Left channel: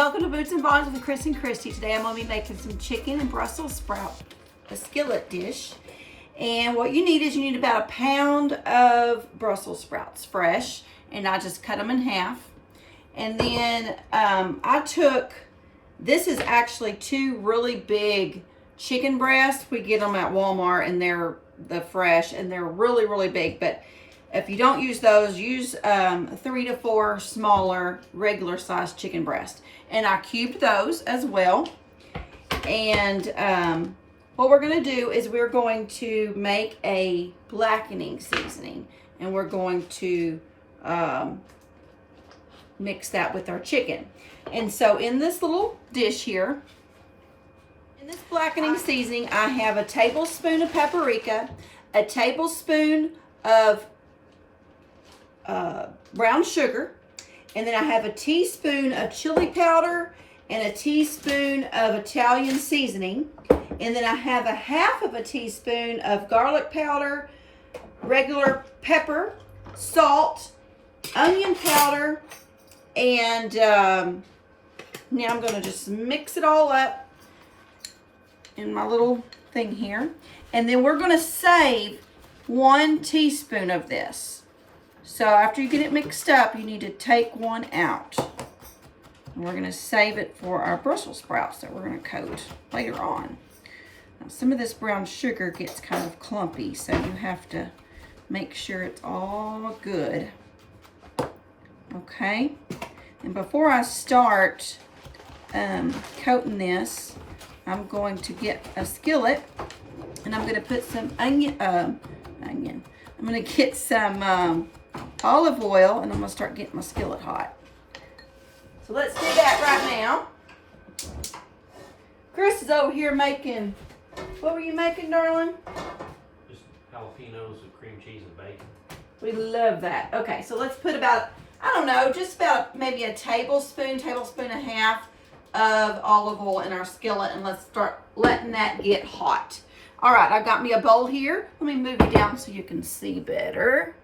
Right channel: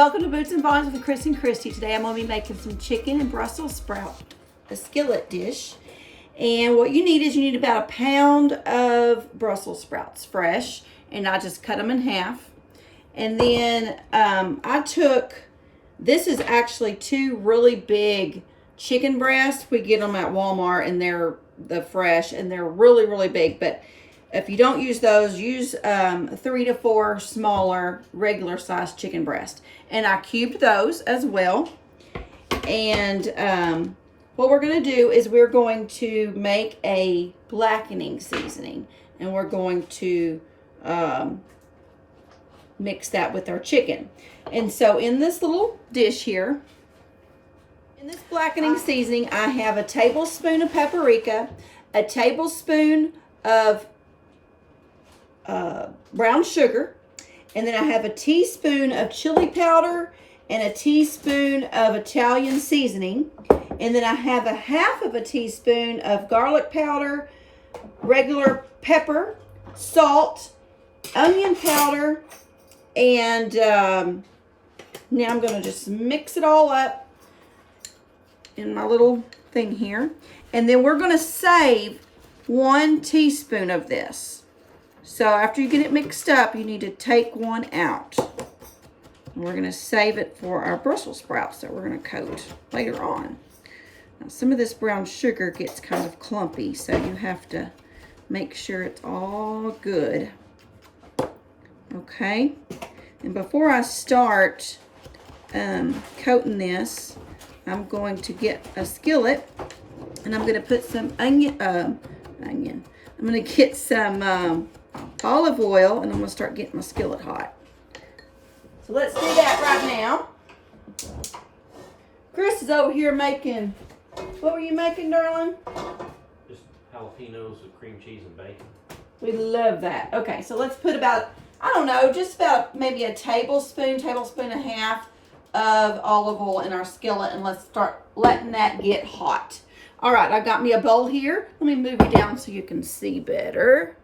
welcome to Boots and Bonnets with Chris and Christy. Today I'm going to be making some chicken and Brussels sprout, a skillet dish. And what you need is you need about 1 pound of Brussels sprouts, fresh, and I just cut them in half. And then this is actually 2 really big chicken breasts. We get them at Walmart and they're the fresh and they're really, really big. But if you don't use those, use 3 to 4 smaller regular sized chicken breasts. And I cubed those as well. And what we're going to do is we're going to make a blackening seasoning. And we're going to mix that with our chicken. And so in this little dish here, in this blackening seasoning, I have a tablespoon of paprika, a tablespoon of brown sugar, and then I have a teaspoon of chili powder and a teaspoon of Italian seasoning, and then I have a half of a teaspoon of garlic powder, regular pepper, salt, onion powder, and now I'm going to just mix it all up in my little thing here, and then we're going to save 1 teaspoon of this. So after you get it mixed up, you need to take 1 out. And we're going to save it for our Brussels sprouts that we're going to coat later on. Now, some of this brown sugar gets kind of clumpy, so you have to make sure it's all good. Okay. And before I start coating this, I'm going to get a skillet, and I'm going to put some I'm going to get some olive oil, and I'm going to start getting my skillet hot. So let's do that right now. Chris is over here making, what were you making, darling? Just jalapenos with cream cheese and bacon. We love that. Okay, so let's put about, I don't know, just about maybe a tablespoon and a half of olive oil in our skillet, and let's start letting that get hot. All right, I've got me a bowl here. Let me move you down so you can see better.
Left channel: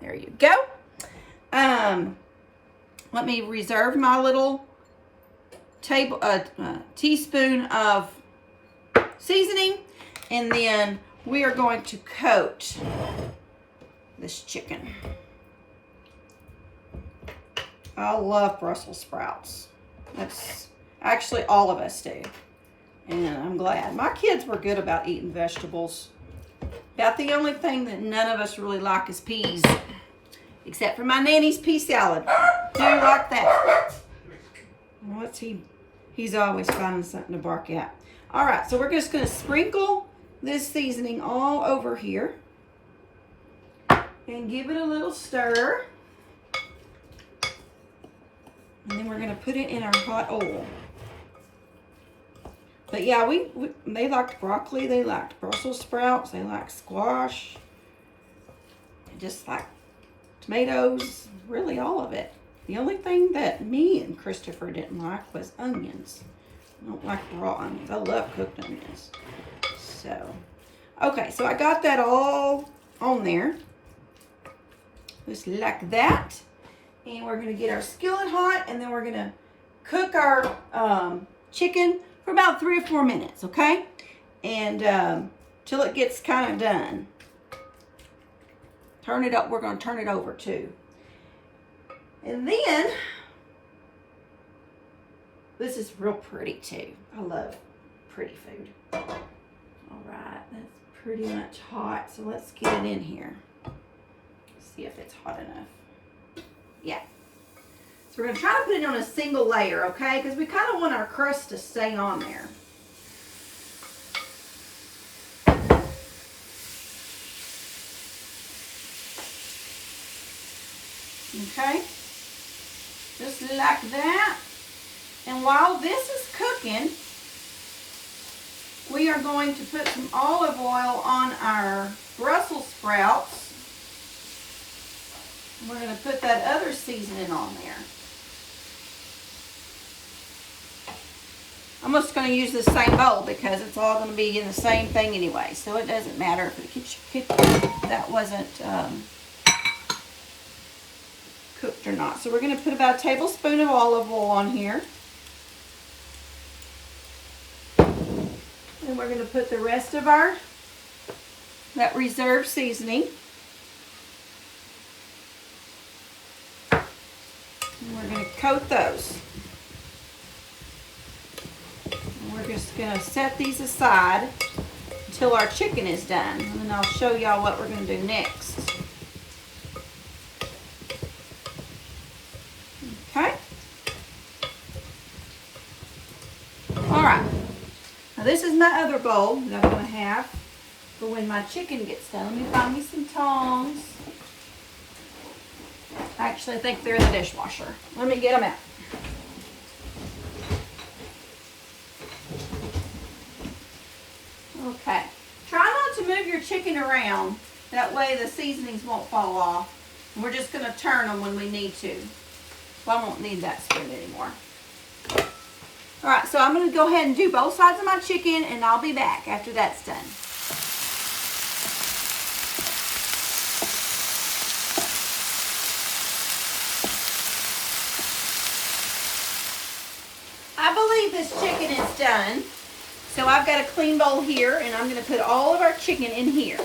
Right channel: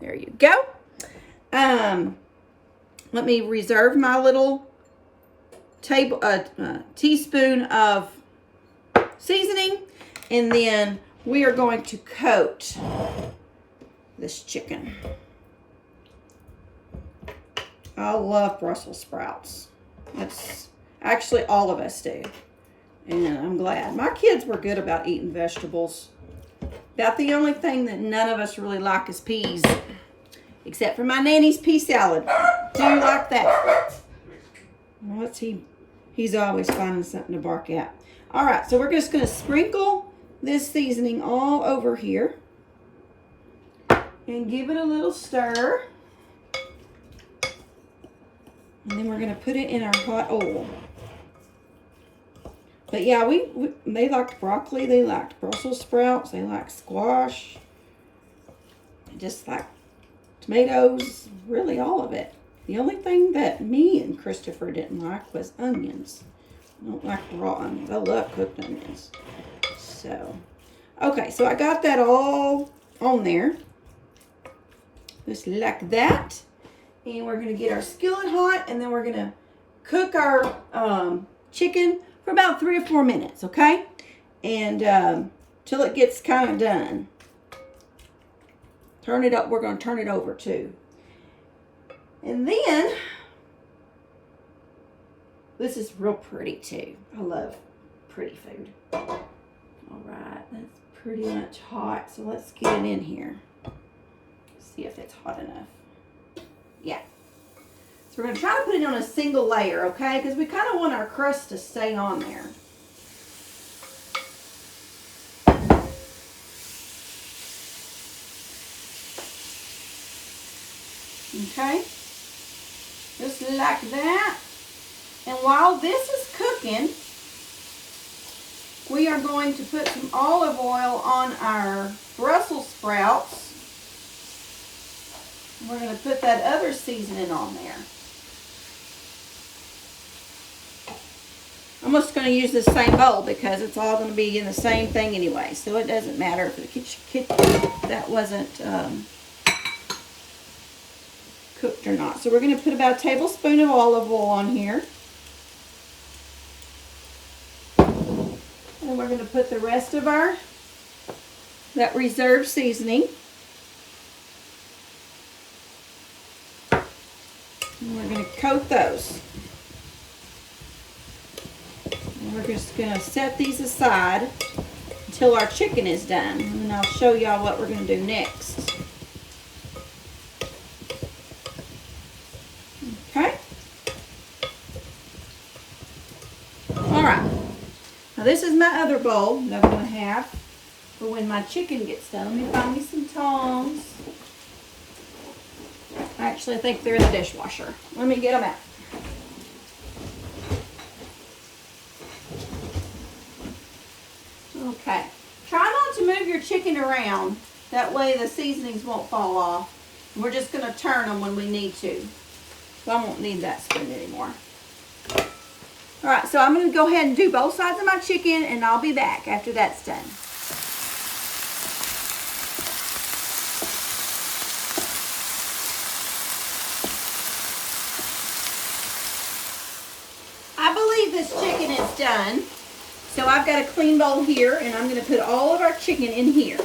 There you go. Let me reserve my little teaspoon of seasoning, and then we are going to coat this chicken. I love Brussels sprouts. That's actually all of us do. And I'm glad. My kids were good about eating vegetables. About the only thing that none of us really like is peas. Except for my nanny's pea salad. Do like that. What's he? He's always finding something to bark at. All right, so we're just going to sprinkle this seasoning all over here. And give it a little stir. And then we're going to put it in our hot oil. But yeah, they liked broccoli, they liked Brussels sprouts, they liked squash, they just like tomatoes, really all of it. The only thing that me and Christopher didn't like was onions. I don't like raw onions. I love cooked onions. So, okay, so I got that all on there. Just like that. And we're going to get our skillet hot, and then we're going to cook our chicken for about 3 or 4 minutes, okay? And till it gets kind of done. Turn it up. We're going to turn it over too. And then, this is real pretty too. I love pretty food. All right, that's pretty much hot. So let's get it in here. See if it's hot enough. Yeah. So we're going to try to put it on a single layer, okay? Because we kind of want our crust to stay on there. Okay. Just like that. And while this is cooking, we are going to put some olive oil on our Brussels sprouts. We're going to put that other seasoning on there. I'm just going to use the same bowl because it's all going to be in the same thing anyway. So it doesn't matter if that wasn't cooked cooked or not. So we're going to put about a tablespoon of olive oil on here. And we're going to put the rest of that reserved seasoning. And we're going to coat those. And we're just going to set these aside until our chicken is done. And I'll show y'all what we're going to do next. Okay. Alright. Now this is my other bowl that I'm going to have for when my chicken gets done. Let me find me some tongs. I actually think they're in the dishwasher. Let me get them out. Okay. Try not to move your chicken around. That way the seasonings won't fall off. And we're just going to turn them when we need to. So I won't need that spoon anymore. Alright, so I'm going to go ahead and do both sides of my chicken, and I'll be back after that's done. I believe this chicken is done. So I've got a clean bowl here, and I'm going to put all of our chicken in here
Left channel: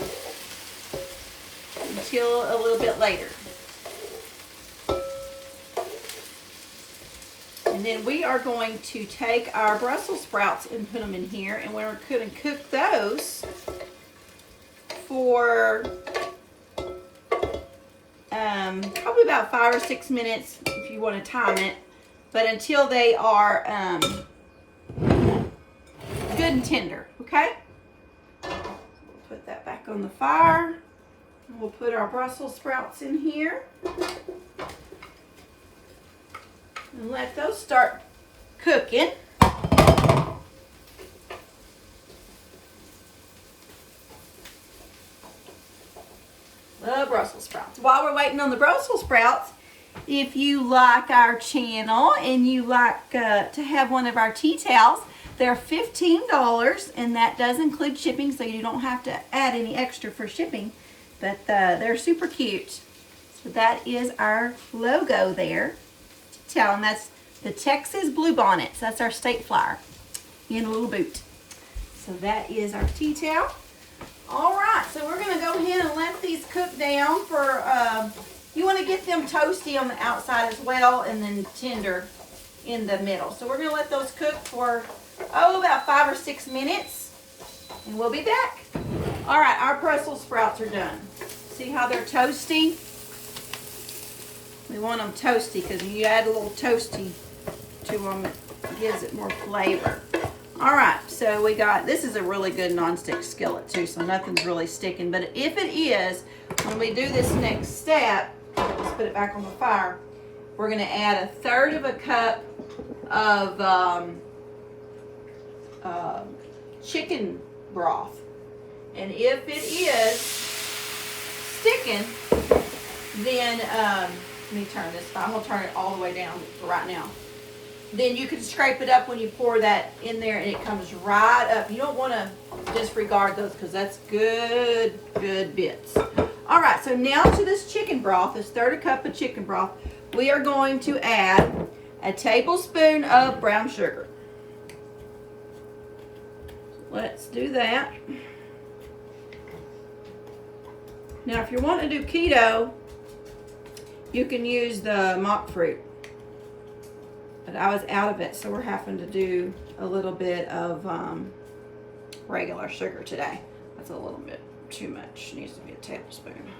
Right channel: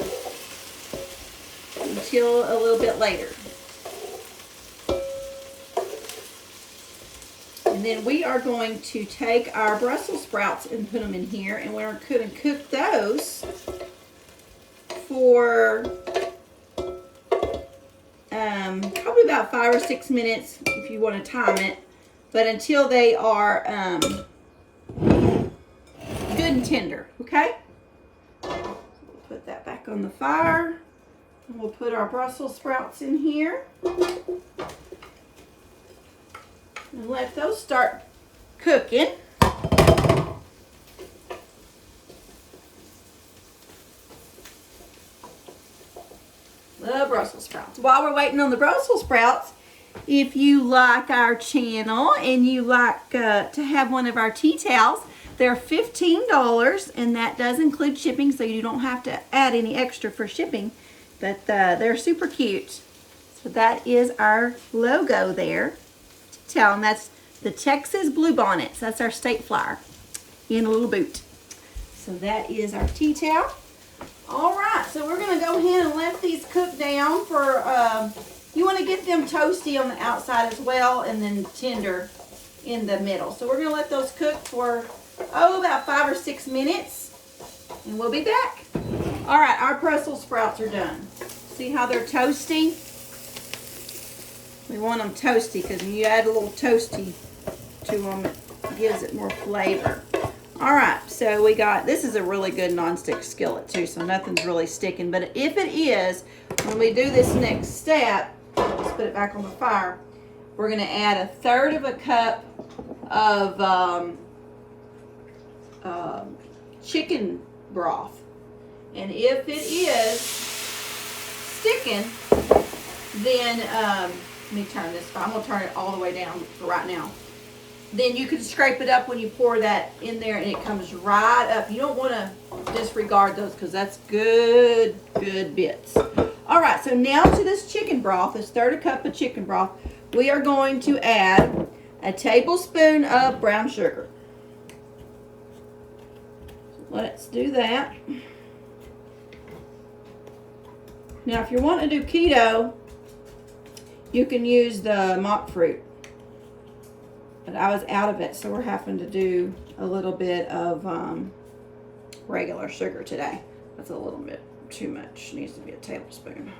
until a little bit later. And then we are going to take our Brussels sprouts and put them in here, and we're going to cook those for probably about 5 or 6 minutes if you want to time it, but until they are good and tender, okay? We'll put that back on the fire. We'll put our Brussels sprouts in here. And let those start cooking. The Brussels sprouts. While we're waiting on the Brussels sprouts, if you like our channel and you like to have one of our tea towels, they're $15, and that does include shipping, so you don't have to add any extra for shipping. But they're super cute. So that is our logo there. Towel, and that's the Texas Blue Bonnets. That's our state flower in a little boot. So that is our tea towel. All right, so we're going to go ahead and let these cook down for, you want to get them toasty on the outside as well, and then tender in the middle. So we're going to let those cook for, about 5 or 6 minutes, and we'll be back. All right, our Brussels sprouts are done. See how they're toasty? We want them toasty because when you add a little toasty to them, it gives it more flavor. All right, so we got, this is a really good nonstick skillet too, so nothing's really sticking. But if it is, when we do this next step, let's put it back on the fire, we're going to add 1/3 cup of chicken broth. And if it is sticking, then, let me turn this, I'm going to turn it all the way down for right now. Then you can scrape it up when you pour that in there, and it comes right up. You don't want to disregard those because that's good bits. All right, so now to this chicken broth, this 1/3 cup of chicken broth, we are going to add a tablespoon of brown sugar. Let's do that. Now, if you want to do keto, you can use the monkfruit. But I was out of it, so we're having to do a little bit of regular sugar today. That's a little bit too much. Needs to be a tablespoon.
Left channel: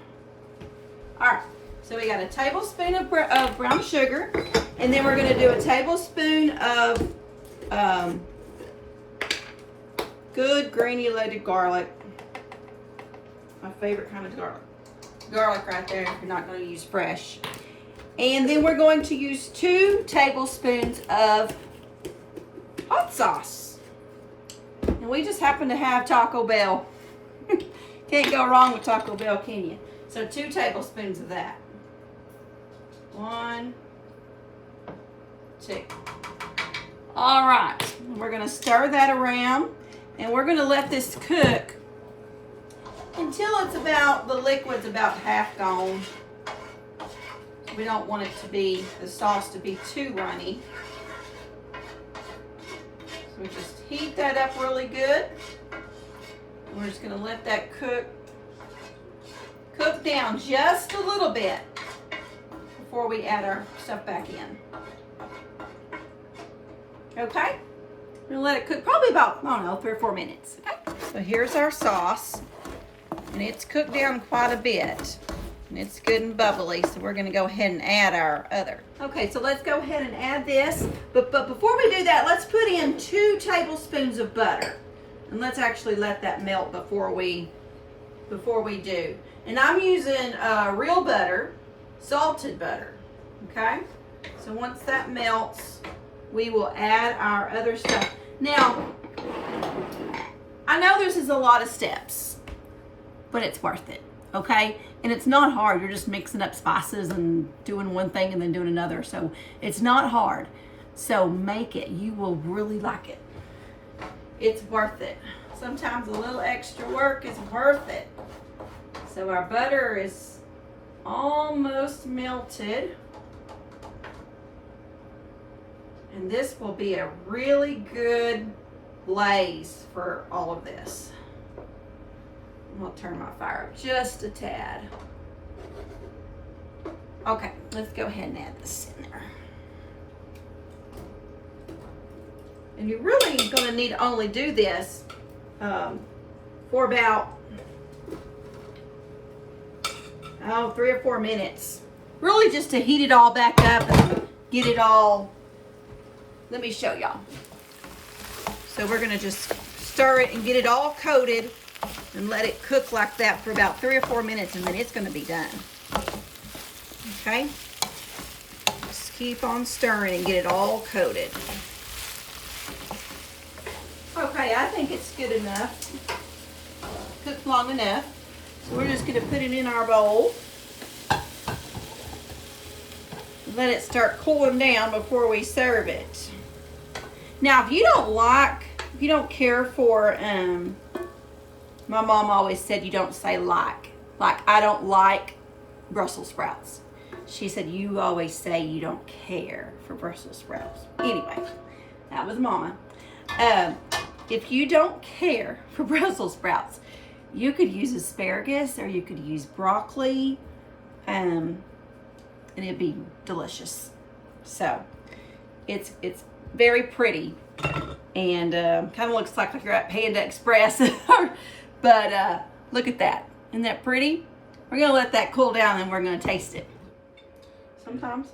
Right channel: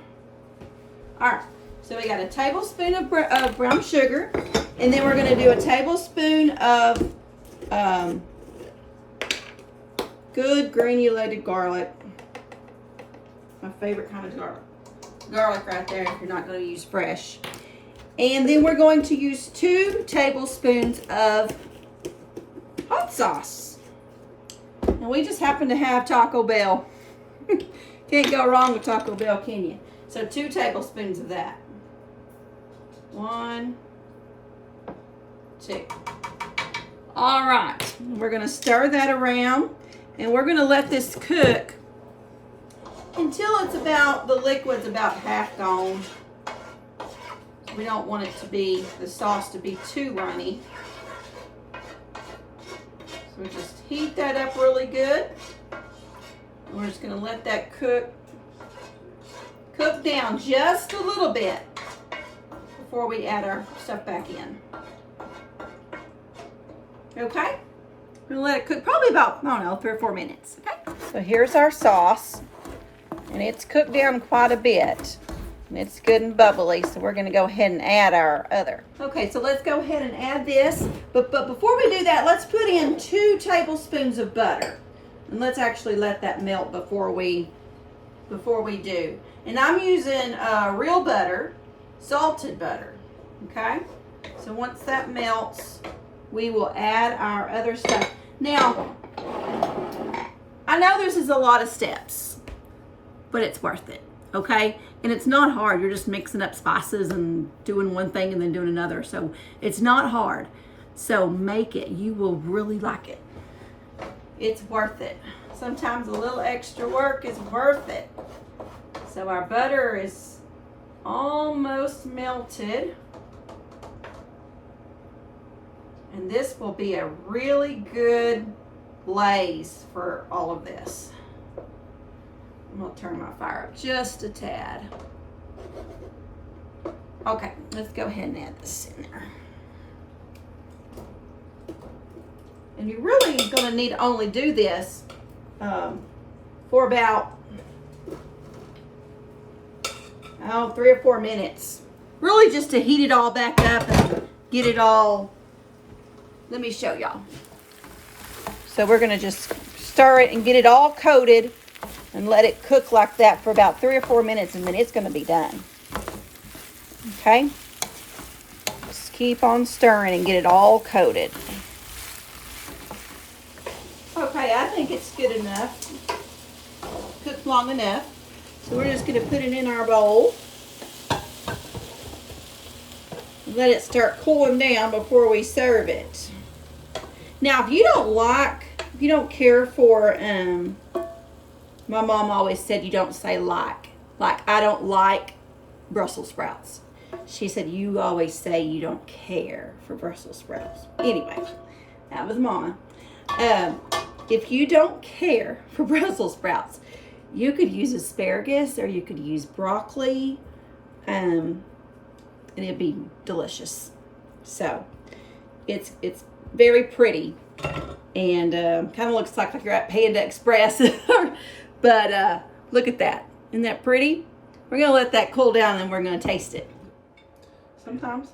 All right, so we got a tablespoon of brown sugar, and then we're going to do a tablespoon of good granulated garlic. My favorite kind of garlic. Garlic right there if you're not going to use fresh. And then we're going to use 2 tablespoons of hot sauce. And we just happen to have Taco Bell. Can't go wrong with Taco Bell, can you? So 2 tablespoons of that. 1, 2. All right, we're going to stir that around, and we're going to let this cook until it's about, the liquid's about half gone. We don't want it to be, the sauce to be too runny. So we just heat that up really good. We're just gonna let that cook down just a little bit before we add our stuff back in. Okay? We're gonna let it cook probably about, I don't know, 3 or 4 minutes. Okay? So here's our sauce, and it's cooked down quite a bit. And it's good and bubbly, so we're gonna go ahead and add our other. Okay, so let's go ahead and add this. But before we do that, let's put in 2 tablespoons of butter. And let's actually let that melt before we do. And I'm using real butter, salted butter, okay? So once that melts, we will add our other stuff. Now, I know this is a lot of steps, but it's worth it, okay? And it's not hard. You're just mixing up spices and doing one thing and then doing another. So it's not hard. So make it. You will really like it. It's worth it. Sometimes a little extra work is worth it. So our butter is almost melted. And this will be a really good glaze for all of this. I'm gonna turn my fire up just a tad. Okay, let's go ahead and add this in there. And you're really gonna need to only do this for about 3 or 4 minutes. Really just to heat it all back up and get it all. Let me show y'all. So we're gonna just stir it and get it all coated and let it cook like that for about 3 or 4 minutes, and then it's gonna be done. Okay? Just keep on stirring and get it all coated. Okay, I think it's good enough. Cooked long enough. So we're just gonna put it in our bowl. Let it start cooling down before we serve it. Now, if you don't care for, my mom always said you don't say like I don't like Brussels sprouts. She said you always say you don't care for Brussels sprouts. Anyway, that was Mama. If you don't care for Brussels sprouts, you could use asparagus or you could use broccoli, and it'd be delicious. So it's very pretty, and kind of looks like you're at Panda Express. But look at that. Isn't that pretty? We're gonna let that cool down and we're gonna taste it. Sometimes.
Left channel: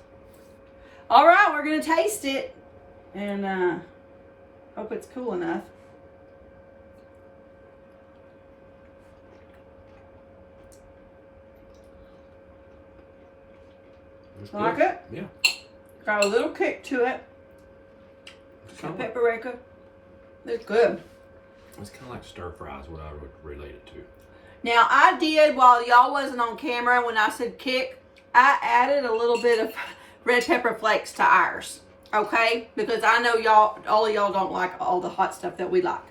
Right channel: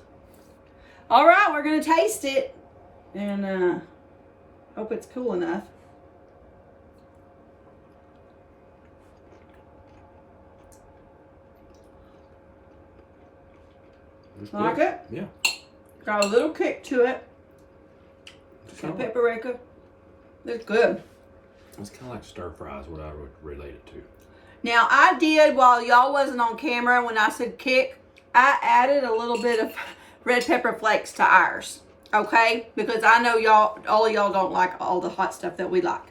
All right, we're gonna taste it, and hope it's cool enough. Like it? Yeah. Got a little kick to it. Some paprika. It's good. It's kind of like stir fries, what I would relate it to. Now, I did, while y'all wasn't on camera, when I said kick, I added a little bit of red pepper flakes to ours. Okay? Because I know all of y'all don't like all the hot stuff that we like.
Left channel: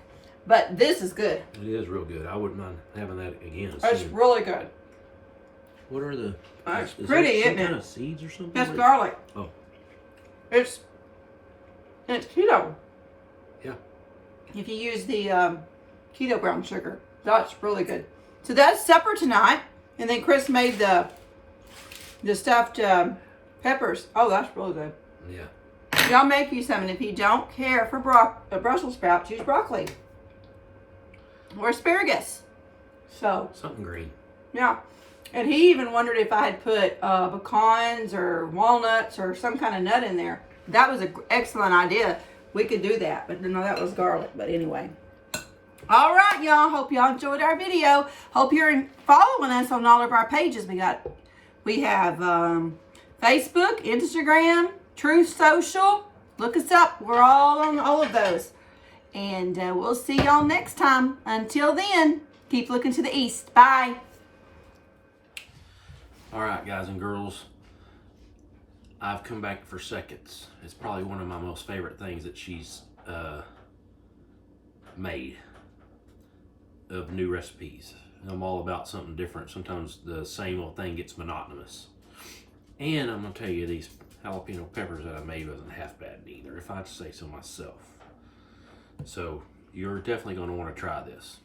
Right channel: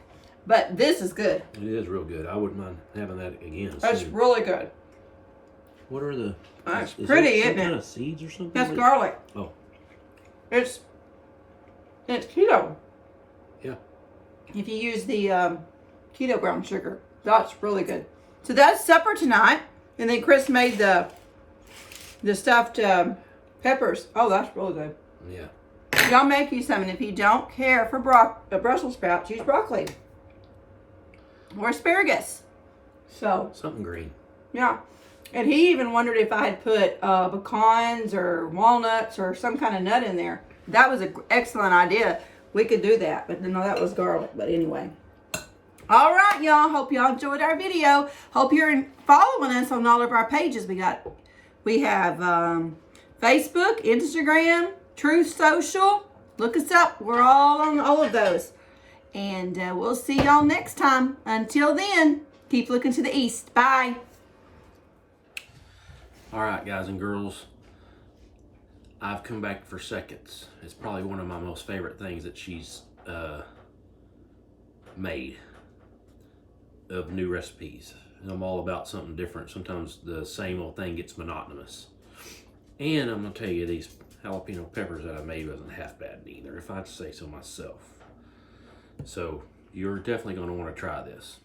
But this is good. It is real good. I wouldn't mind having that again. It's really good. What are the... It's pretty, isn't it? Some kind of seeds or something? That's garlic. Oh. It's keto. Yeah. If you use the keto brown sugar, that's really good. So that's supper tonight. And then Chris made the stuffed peppers. Oh, that's really good. Yeah. Y'all make you some. And if you don't care for Brussels sprouts, use broccoli or asparagus. So something green. Yeah. And he even wondered if I had put pecans or walnuts or some kind of nut in there. That was an excellent idea. We could do that, but no, that was garlic. But anyway. All right, y'all. Hope y'all enjoyed our video. Hope you're following us on all of our pages. We have Facebook, Instagram, Truth Social. Look us up. We're all on all of those. And we'll see y'all next time. Until then, keep looking to the east. Bye. All right, guys and girls. I've come back for seconds. It's probably one of my most favorite things that she's made of new recipes. And I'm all about something different. Sometimes the same old thing gets monotonous. And I'm gonna tell you, these jalapeno peppers that I made wasn't half bad either, if I had to say so myself. So you're definitely gonna want to try this.